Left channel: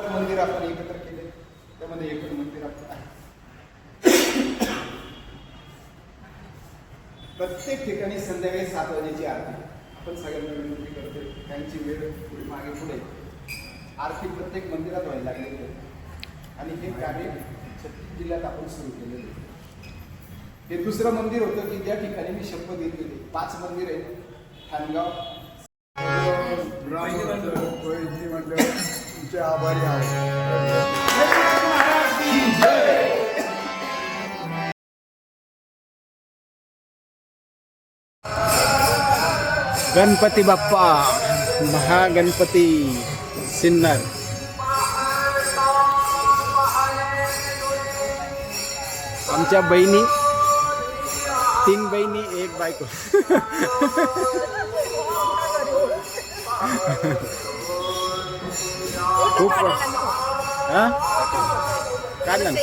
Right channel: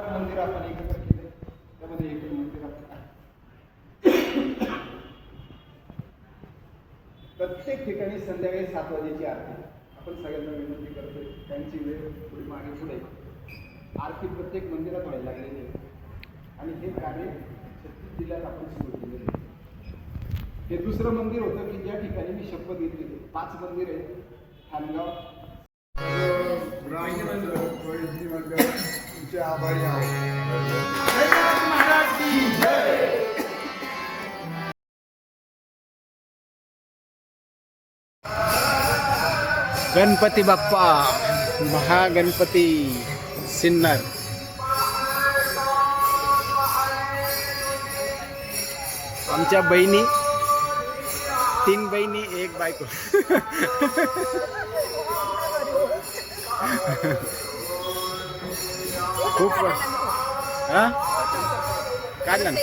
मंदिर आपण एकत्र केले, त्यामध्ये एकच मंदिर आपण आहे. प्रत्येक ठिकाणी संध्याकाळी 7 वाजेची आरती आपण सगळ्यांना विनंती करतोय. त्यांची वेळ थोडी मागे पुढे आरती प्रत्येक मंदिरात व्हायला लागलेली आहे आणि हे कार्य 36 जिल्ह्यात आपण सुरू केलेलं आहे. हे दुसरं मंदिर होतं की ज्या ठिकाणी मी शपथ घेतलेली. 5 मंदिर आहे. ठाणगाव तुमचे आभारी आहोत. गणपती बाप्पा महागणपती सिन्नर. आमच्या बहिणी 3 बहिणी 1 बायको. खूप हा काढला ना.